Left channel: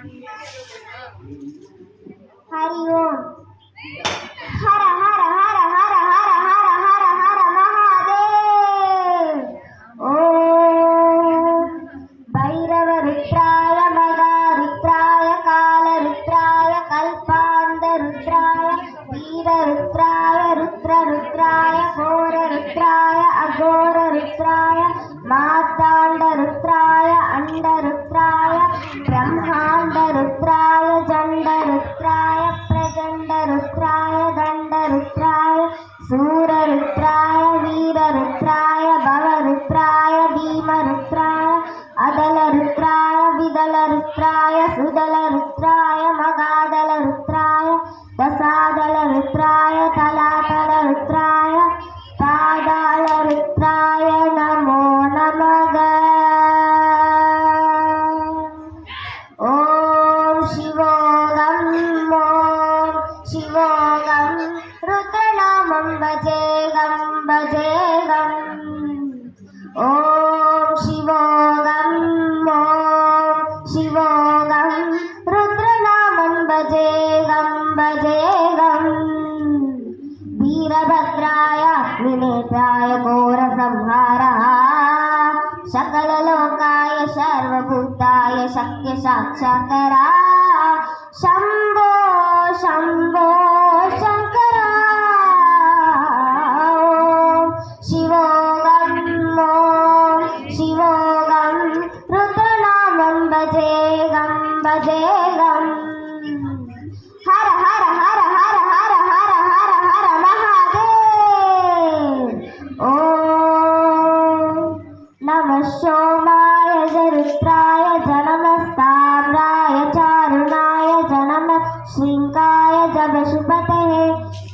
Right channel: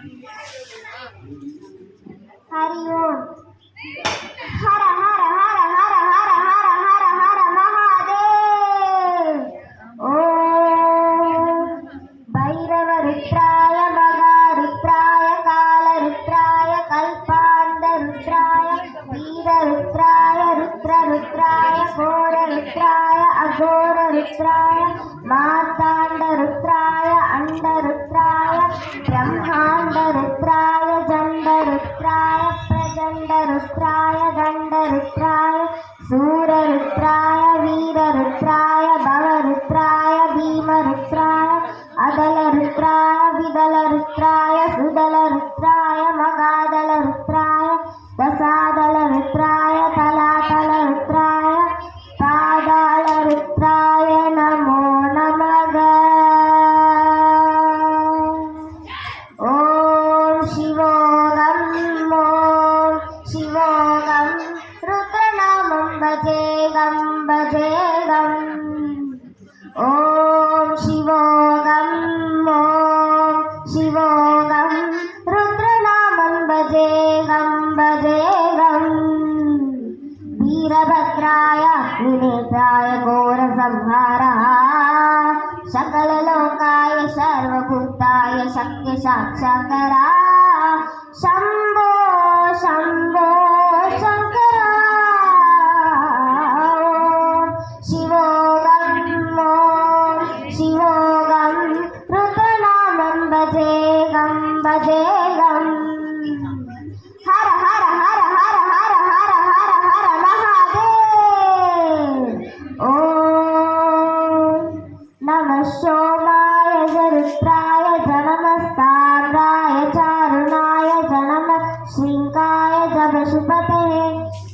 हरि ओम। हर हर हर हर हर हर हर हर महादेव। ओम भैरव रुद्राय मगारुद्राय कालरुद्राय कल्पांत रुद्राय वीर रुद्राय रुद्र रुद्राय घोर रुद्राय अघोर रुद्राय मार्तांड रुद्राय अंड रुद्राय ब्रह्मांड रुद्राय जंड रुद्राय प्रचंड रुद्राय दंड रुद्राय सूर रुद्राय वीर रुद्राय भव रुद्राय भीम रुद्राय अदल रुद्राय विदल रुद्राय सुदल रुद्राय मगादल रुद्राय दसादल रुद्राय तलातल रुद्राय पादाल रुद्राय नमो नमः। ओम शिवोऽहं शिवोऽहं रुद्रनामं भजेऽहं भजेऽहम्। ओम शिवोऽहं शिवोऽहं रुद्रनामं भजेऽहं भजेऽहम्। वीरभद्राय त्रिनेत्राय घोरसंहारः सकललोकाय सर्वभूताय शक्य साक्षात्करा शंभो शंभो शंकरा। शिवोऽहं शिवोऽहं रुद्रनामं भजेऽहं भजेऽहम्। हर हर हर हर हर हर हर हर महादेव। ओम नमः सोमाय रुद्राय जनमस्ताम्राय चारुणाय जनमः श्रृंगाय च वसुपते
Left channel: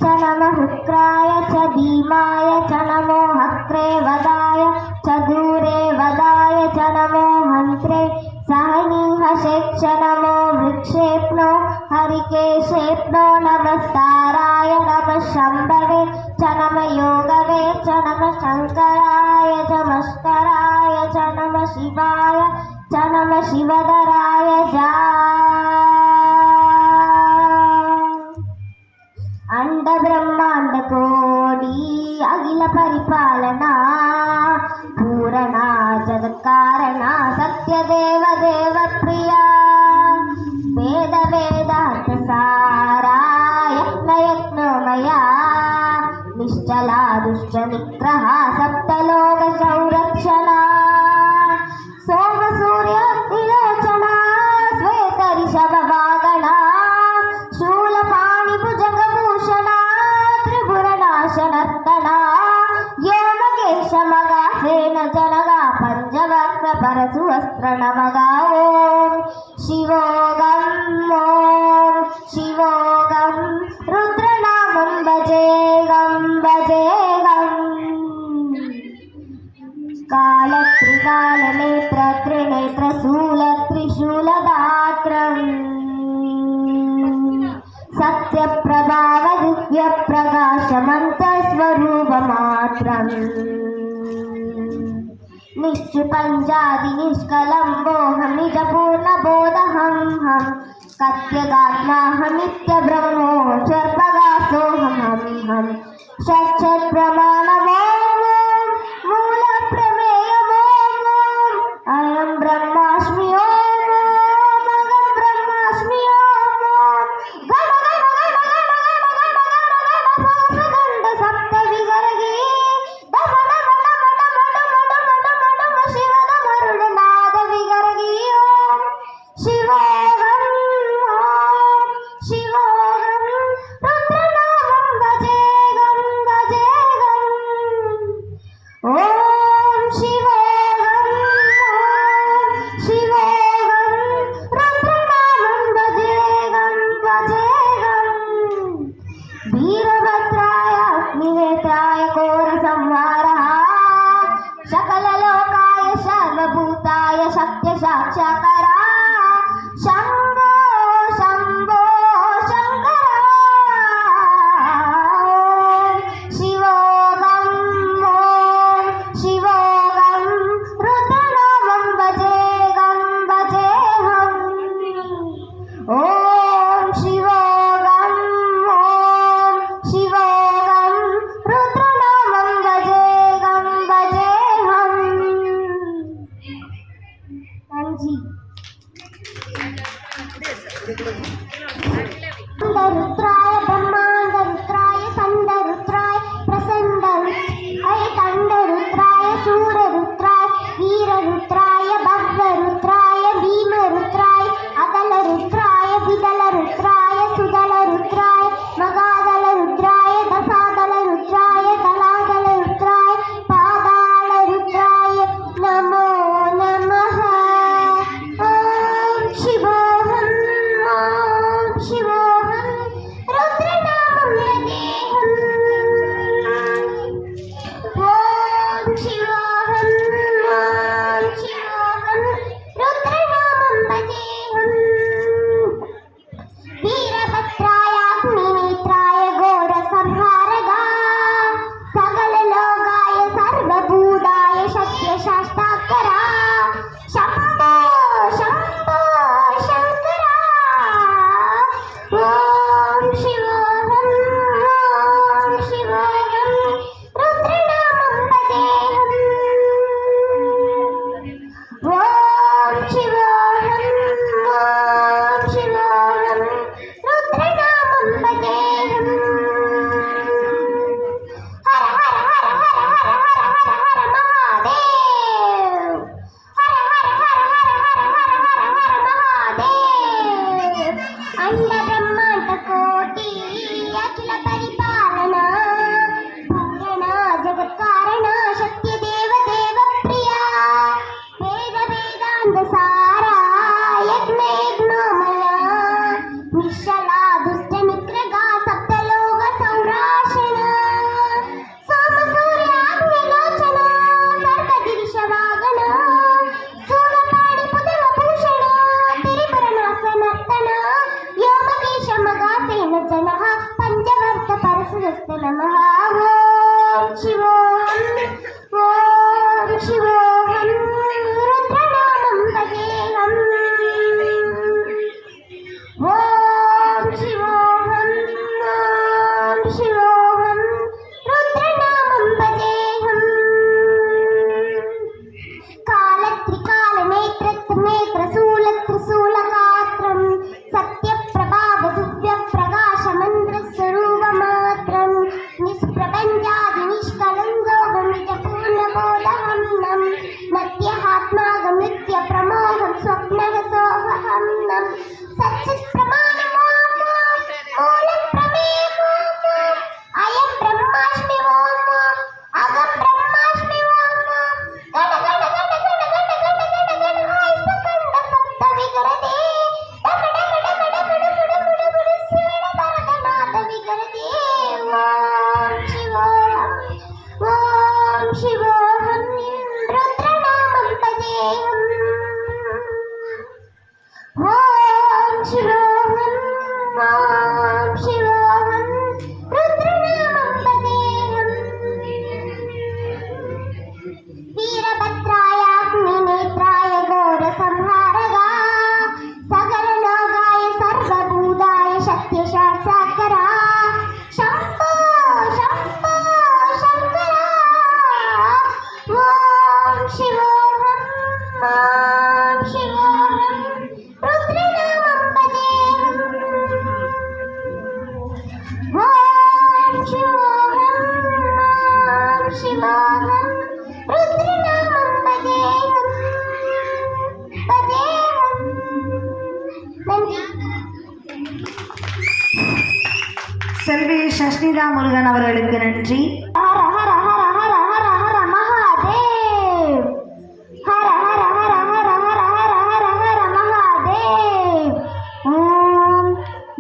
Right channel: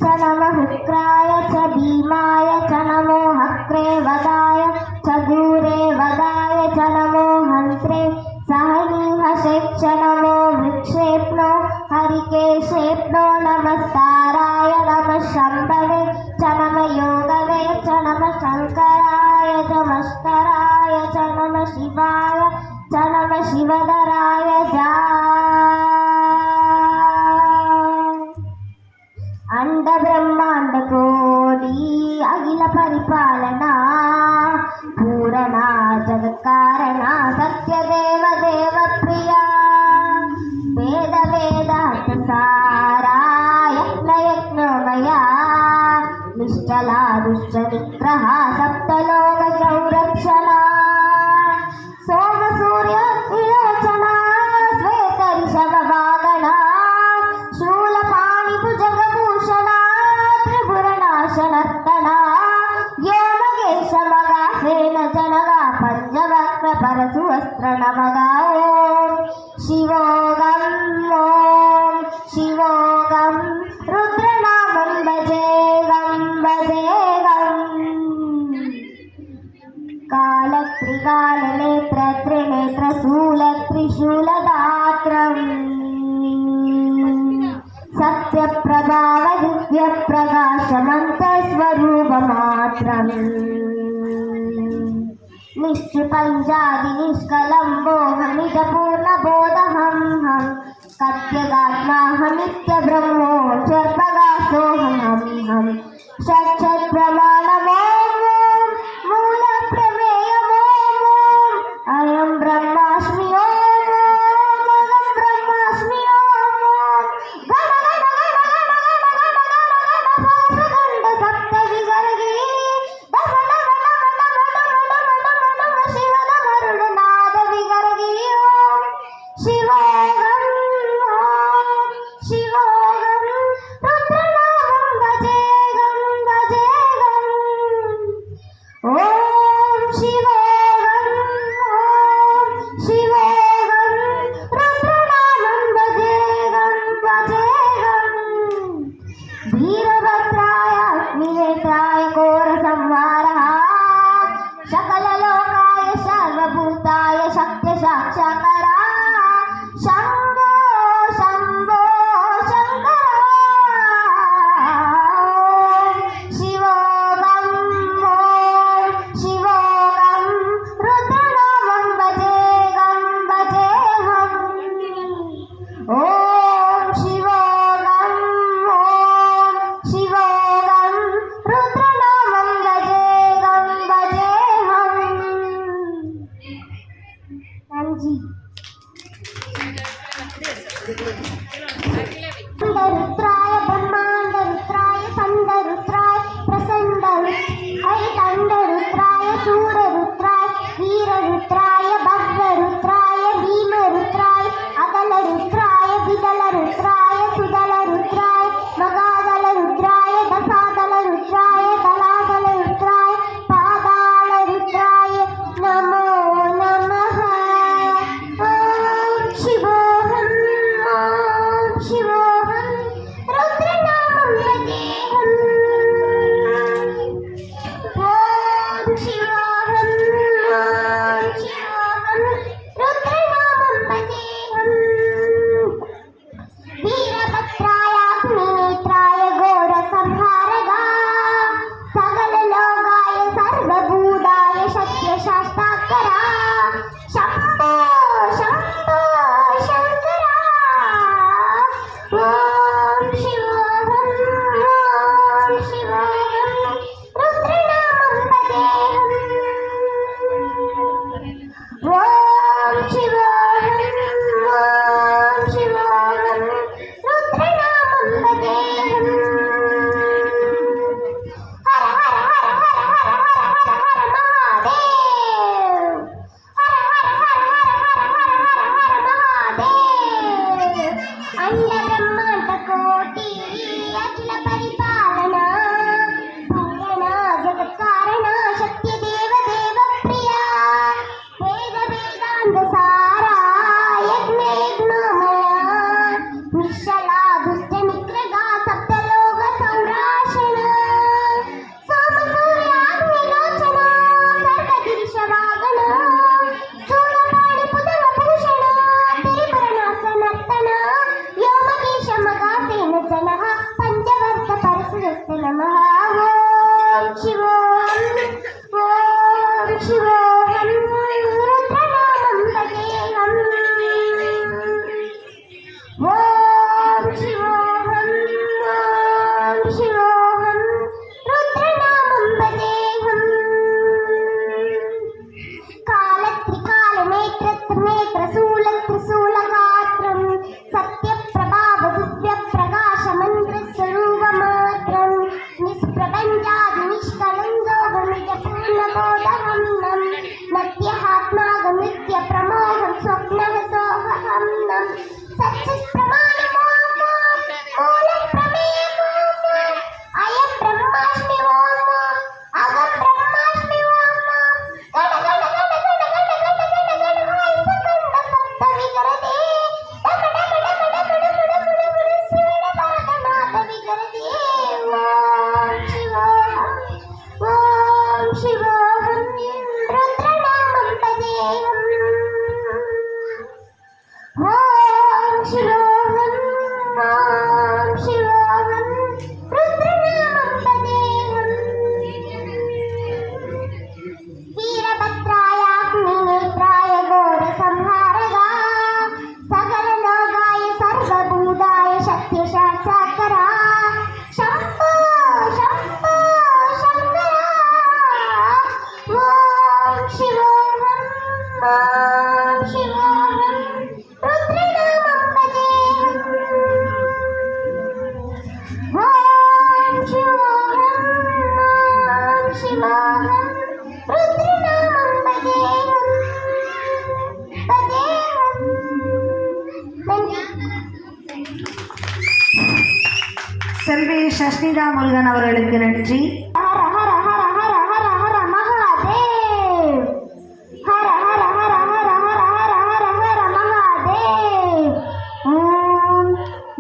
च नमः शुक्राय च भीमाय च नमो हक्रे वदाय च दूरे वदाय च नमो हन्त्रे सहनीहशेक्ष नमो वृक्षेप्नो हरिकेशेप्नो नमस्ताराय नमः शम्भवे च नमः योगवे च नमः शङ्कराय च मस्कराय च नमः शिवाय च नमः शिवधराय जा। अंड ब्रह्मांड कोटि अखिल परिपालना पूरणा जगत्कारणा सत्यदेव देव प्रिया वेद वेदांत सारा यज्ञ यज्ञमया निश्चला दुष्ट निग्रह सप्तलोक संरक्षणा सोम सूर्य विलोचना श्वेत ऋषभ वागणा शूलपाणि भुजगभूषणा त्रिभुवनाशनर्दना योमकेश मगासेन जनगा पंचवक्त्र परशुवस्त्र नमगा। ओम शिवोऽहं शिवोऽहं रुद्रनामं भजेऽहं भजेऽहम्। कालत्रिकालनेत्र त्रिनेत्र शूल त्रिशूलदात्रम् सत्यप्रभाव दिव्यप्रकाशमन्तस्वरूपमात्रम् निश्चुपञ्जादि निष्कलम्बोऽहमित पूर्णबोधहं कत्यगात्माहमित्य ब्रह्मोऽक्षरप्रकाशोऽहम् षट्प्रमाणमोऽहं मूलप्रमेयमोऽहम् अयं ब्रह्मास्मि ब्रह्मास्मि गण सप्त विगर्गी शिवन वरुणनाद विगर्गी। शिवोऽहं शिवोऽहं रुद्रनामं भजेऽहं भजेऽहम्। ओम शिवोऽहं शिवोऽहं रुद्रनामं भजेऽहं भजेऽहम्। वीरभद्राय अग्निनेत्राय घोरसंहारः सकललोकाय सर्वभूताय शक्य साक्षात्करा रुद्राय ब्रह्मांड रुद्राय संड रुद्राय प्रसंड अयतंड रुद्राय सूर रुद्राय वीर रुद्राय भद्र रुद्राय भीम रुद्राय अदल रुद्राय विदल रुद्राय सुदल रुद्राय मगादल रुद्राय दसादल रुद्राय कलादल रुद्राय पादाल रुद्राय नमो नमः। ओम शिवोहम ओम शिवोहम रुद्रनामं वदेहम्। ओम शिवोहम ओम शिवोहम रुद्रनामं वदेहम्। वीरभद्रायाग्निनेत्राय घोरसंहारगा सकललोकाय सर्वभूताय शक्तिशास्त्राकरा शम्भो शम्भो शङ्करा। ओम शिवोहम ओम शिवोहम रुद्रनामं वदेहम्। ओम शिवोहम ओम शिवोहम रुद्रनामं वदेहम्। हर हर हर हर हर हर हर हर महादेव। हर हर हर हर हर हर हर हर महादेव। अंड ब्रह्मांड कोटि अखिल परिपालना भूषणा जगत्कारणा शक्ति देव देव प्रिया वेद वेदांत सारा यज्ञ यज्ञोमया निश्चला दुष्ट निग्रगा सप्तलोक संराशिना सोम सूर्याग्निलोचना सर्वगिरिशवागना सूरपाणि पुतन भूषण तिरिभुवनासनर्तना योगीश मगासेन जनः पंचवर्ग परशुरस्त नमः। ओम शिवोहम ओम शिवोहम रुद्रनामं वदेहम्। ओम शिवोहम ओम शिवोहम रुद्रनामं वदेहम्। कालत्रिकालनेत्रशूलत्रिशूलगात्रं सत्यप्रभावदिव्यप्रकाशमन्त्रस्वरूपमात्रं निष्प्रपञ्चादिनिष्कलं योगमितपूर्णबोधहं नद्यहात्मागमृत्यप्रमोहं स्वप्नः सोऽहं अयं ब्रह्मास्मि ओम अहं ब्रह्मास्मि ओम ओम शिवोहम रुद्रनामं वदेहम्। ओम शिवोहम ओम शिवोहम रुद्रनामं वदेहम्। वीरभद्रायाग्निनेत्राय घोरसंहारगा सकललोकाय सर्वभूताय शक्तिशास्त्राकरा शम्भो शम्भो शङ्करा। ओम शिवोहम ओम शिवोहम रुद्रनामं वदेहम्। ओम शिवोहम ओम शिवोहम रुद्रनामं वदेहम् செல்வி சஷ்னிதா முருகன் அவர்களுக்கு நன்றி. हर हर हर हर हर हर महादेव। हर हर हर हर हर हर हर हर महादेव। ओम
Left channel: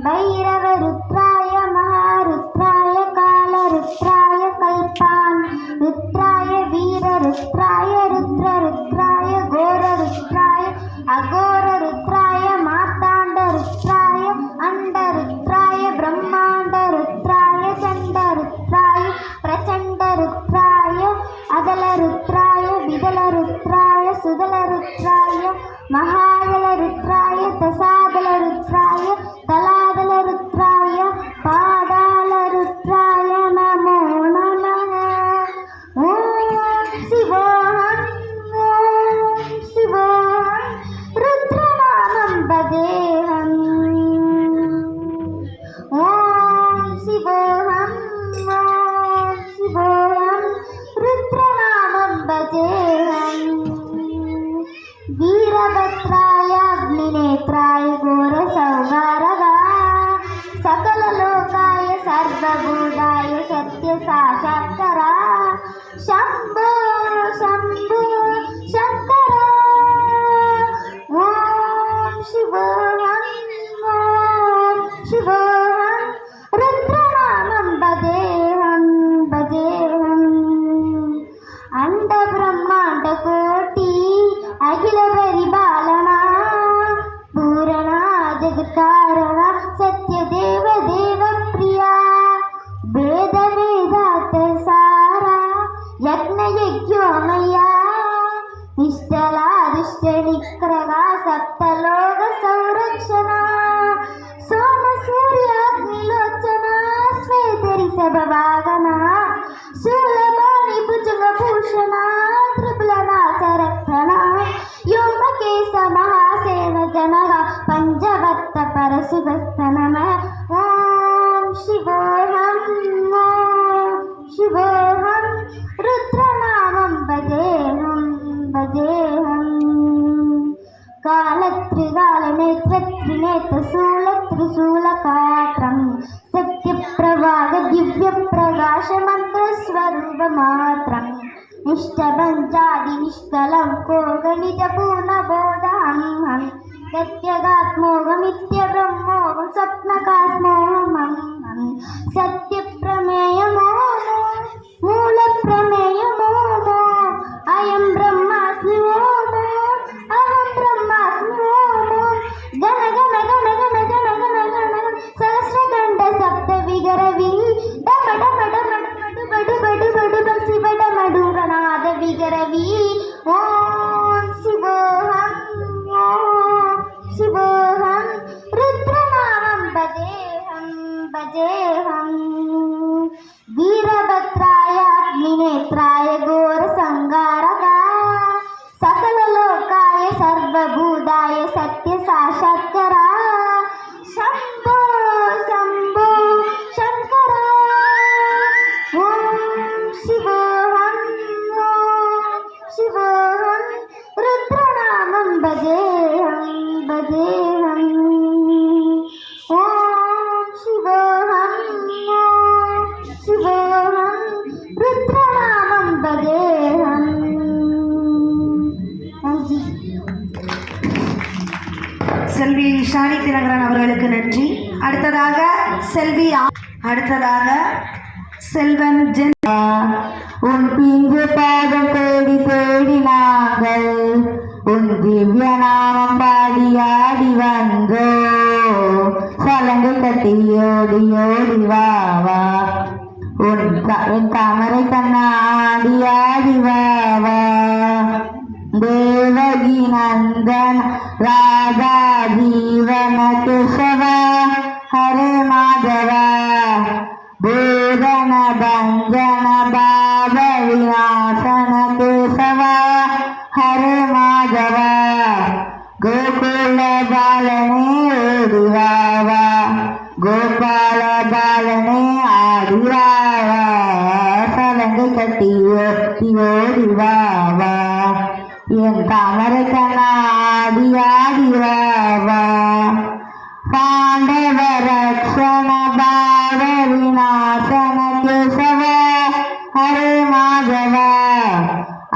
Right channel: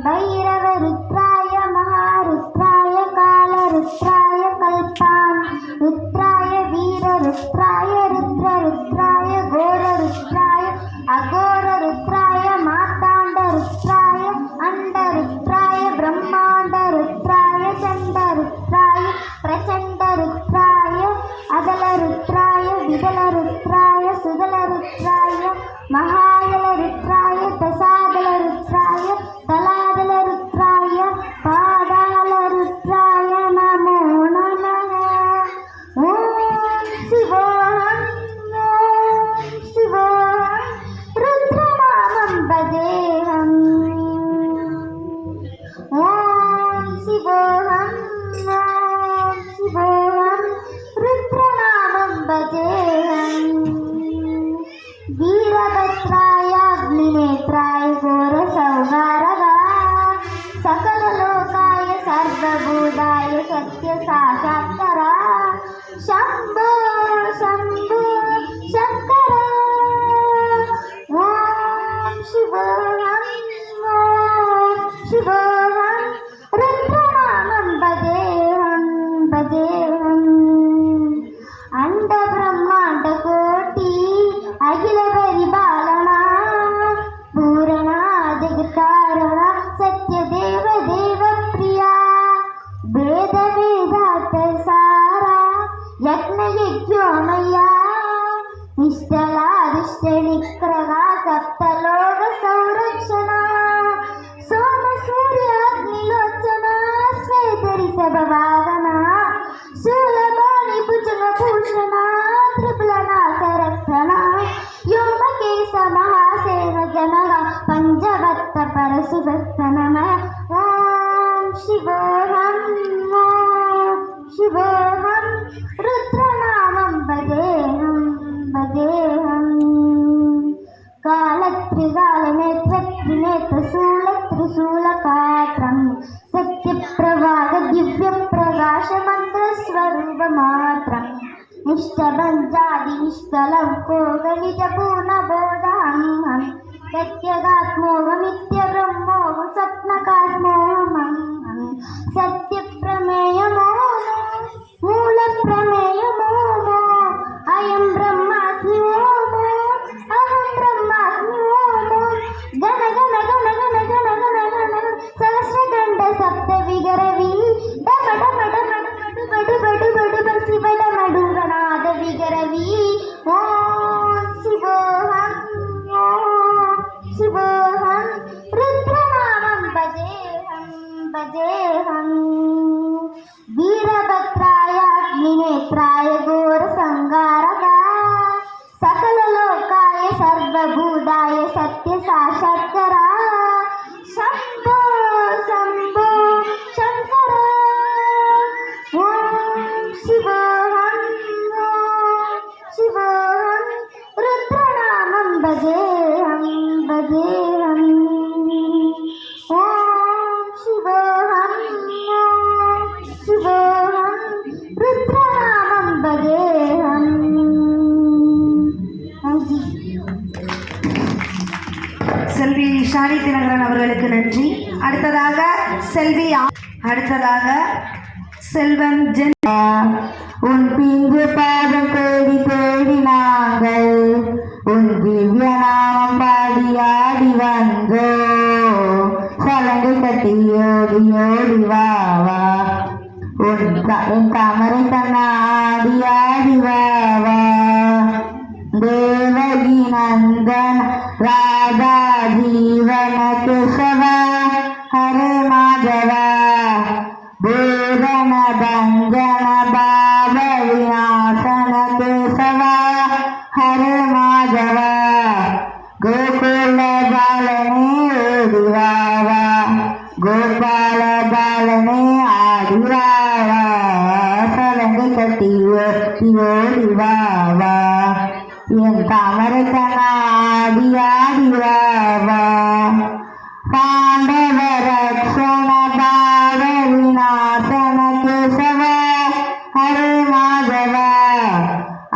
भैरव रुद्राय महारुद्राय कालरुद्राय कल्पान रुद्राय वीर रुद्राय रुद्र रुद्राय घोर रुद्राय अघोर रुद्राय मार्तांड रुद्राय अंड रुद्राय ब्रह्मांड रुद्राय चंड रुद्राय प्रचंड शिवोऽहं रुद्रनामं भजेऽहं भजेऽहम् अण्डब्रह्माण्डकोटि अखिल परिपालना पूरणा जगत्कारणा सत्यदेव देवप्रिया वेदवेदार्थ सारा यज्ञयज्ञोमया निष्ठला दुष्टनिग्रहा सप्तलोक संरक्षणा सोम सूर्याग्निलोचना श्वेतरिषभवाहना शूलपाणि भुजगभूषणा त्रिपुलनाथरत्ना योमकेशमहासेन जनगा पञ्चवक्त्र परशुभस्तनमः ॐ शिवोऽहं शिवोऽहं रुद्रनामं भजेऽहं भजेऽहं कालत्रिकालनेत्रत्रिनेत्रशूलत्रिशूलकात्रं सत्यप्रभाग दिव्यप्रकाशमन्त्रस्वरूपमात्रं निष्ठपञ्चादि निष्कलं भोगनिजपूर्णबोधाहं सत्यगात्मोहमित्यब्रह्मोहं स्वप्नकात्मोहं सत्यप्रमेयमो मूलप्रमेयमो अयं ब्रह्मास्मि अहं ब्रह्मास्मि गण गण गण गण गण गण गण सहस्रखण्ड सप्तविगरवि डम डम डम बडु बडु बडु बसि बडमडु गणाद विगरवि ॐ शिवोऽहं शिवोऽहं रुद्रनामं भजेऽहं भजेऽहं वीरभद्राय अग्निनेत्राय घोरसंहारका सकललोकाय सर्वभूताय सत्यसाक्षात्करा शम्भो शम्भो शङ्करा ॐ शिवोऽहं शिवोऽहं रुद्रनामं भजेऽहं भजेऽहम् ॐ शिवोऽहं शिवोऽहं रुद्रनामं भजेऽहम् செல்வி ஷானி தினகரன் அவர்களுக்கு நன்றி. அடுத்ததாக செல்வன் ஜென். உன் பிஞ்சு பாதம் தேடி தேடி நாங்கள் உன் திவ்ய நாமம் பாடி ஆடி வந்தோ சலங்கை கட்டி ஓடி ஓடி வா வா என் தாமரை கண்ணாடி ஆடி வா வா தேவகி நந்தன் ராதா ஜீவன கேசவ ஹரே மாதவ வேதன பஞ்சன பாவ விநாசன கேசவ ஹரே மாதவ கோகுல பாலனே ஓடிவாவா கோபால பாலனே ஆடிவாவா சலங்கை கட்டி ஓடிவாவா என் தாமரை கண்ணாடி ஆடிவாவா பாண்டவ ரக்ஷண பாவ விநாசன கேசவ ஹரே மாதவ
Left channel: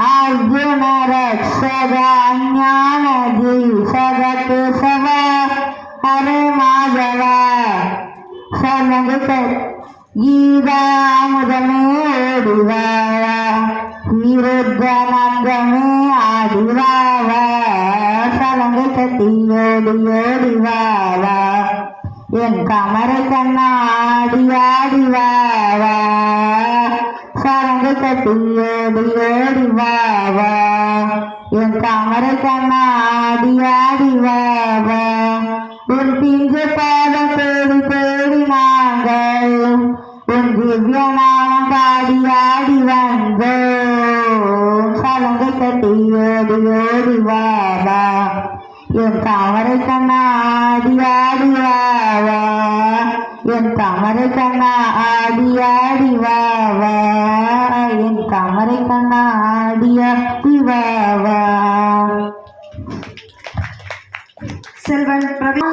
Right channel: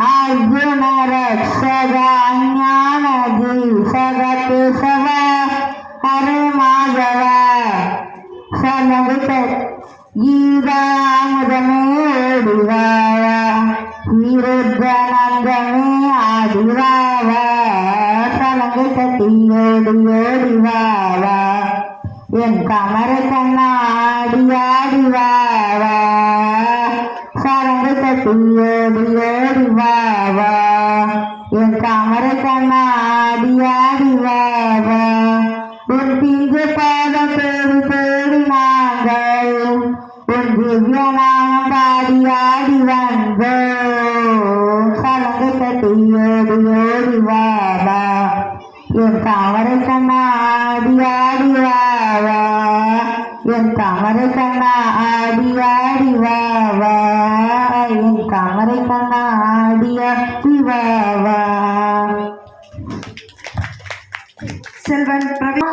அர்ஜுன ரக்ஷக அஞ்ஞான தீசக கேசவ ஹரே மாதவ சலங்கை கீதாமுதமே ஓடிவாவா விருத்தனந்தமே ஆடிவாவா சலங்கை கட்டி ஓடி ஓடிவாவா என் கமரை கண்ணாடி ஆடிவாவா சலங்கை கட்டி ஓடி ஓடிவாவா என் கமரை கண்ணாடி ஆடிவாவா உன் பிஞ்சு பாதம் தேடி தேடி நாங்கள் உன் திவ்ய நாமம் பாடி ஆடி வந்தோ சலங்கை கட்டி ஓடி ஓடி வாவா என் தாமரை கண்ணாடி ஆடி வாவா என் தாமரை கண்ணாடி ஆடி வாவா என் தாமரை கண்ணாடி ஆடி வாவா செல்வன் பிரவீன்.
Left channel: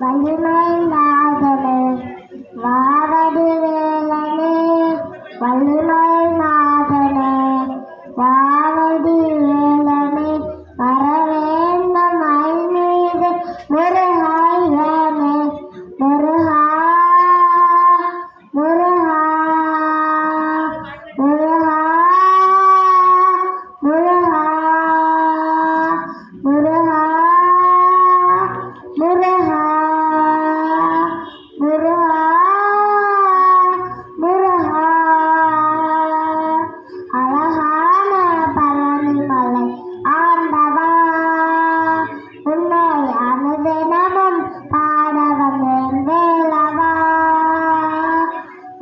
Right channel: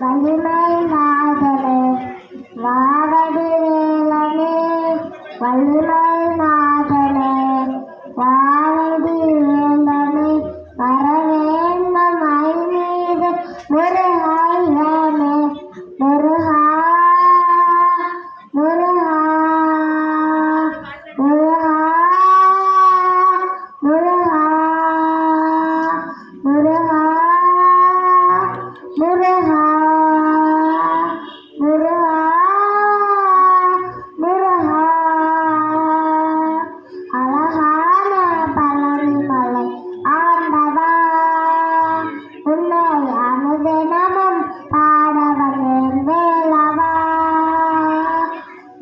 வலிமை நாதனே வாரது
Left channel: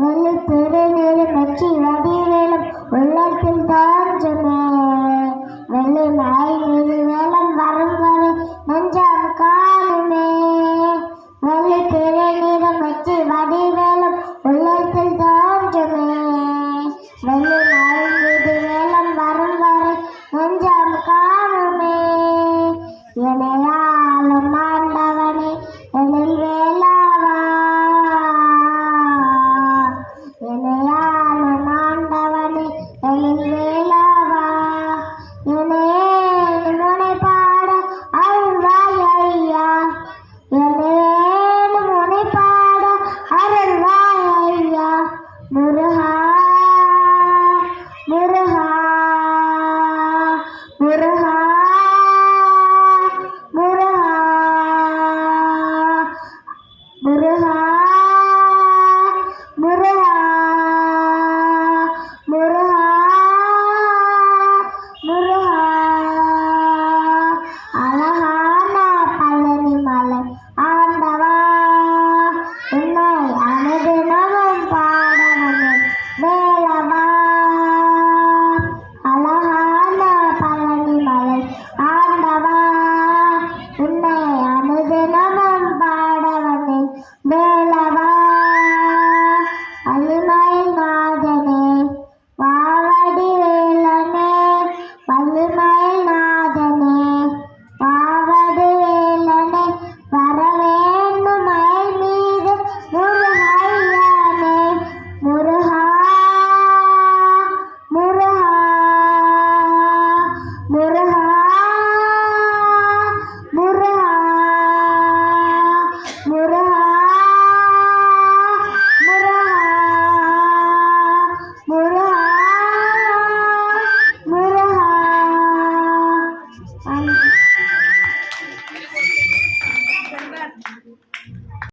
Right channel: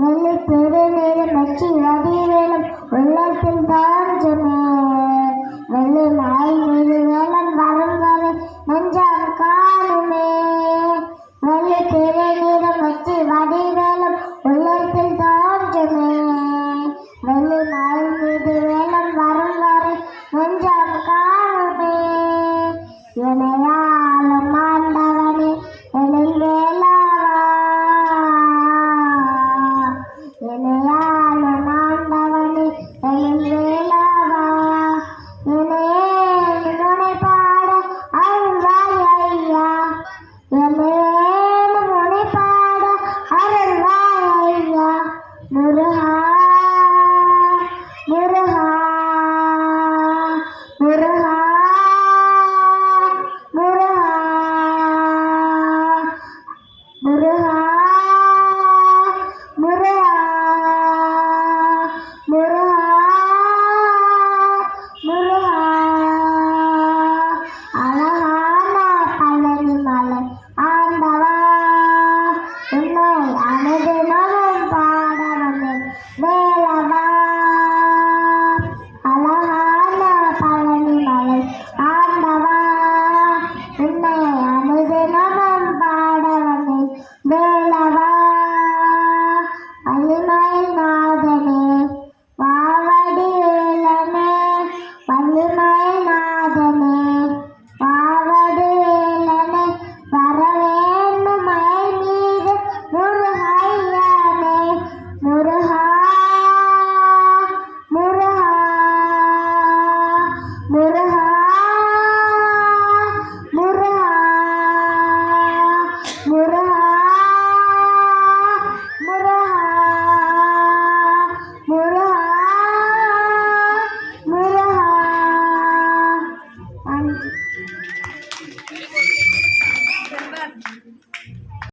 வெள்ளி திருநேரம் வெற்றி வடிவேலும் உள்ளத்தில் தாஞ்சமே வெள்ளி மலை மீது வேலம் வரும் வரை நெஞ்சம் காணுமே வெள்ளி திருநேரம் வெற்றி வடிவேலும் உள்ளத்தில் தாஞ்சமே வெள்ளி மலை மீது வேலம் வரும் வரை நெஞ்சம் காணுமே இணையாலும் ஆண்டவனே எழில் வேளாவா இணையாலும் ஆண்டவனே எழில் வேளாவா இணையே முனை பாட அருள்வாய் ஐயா இணையே முனை பாட அருள்வாய் ஐயா முருகா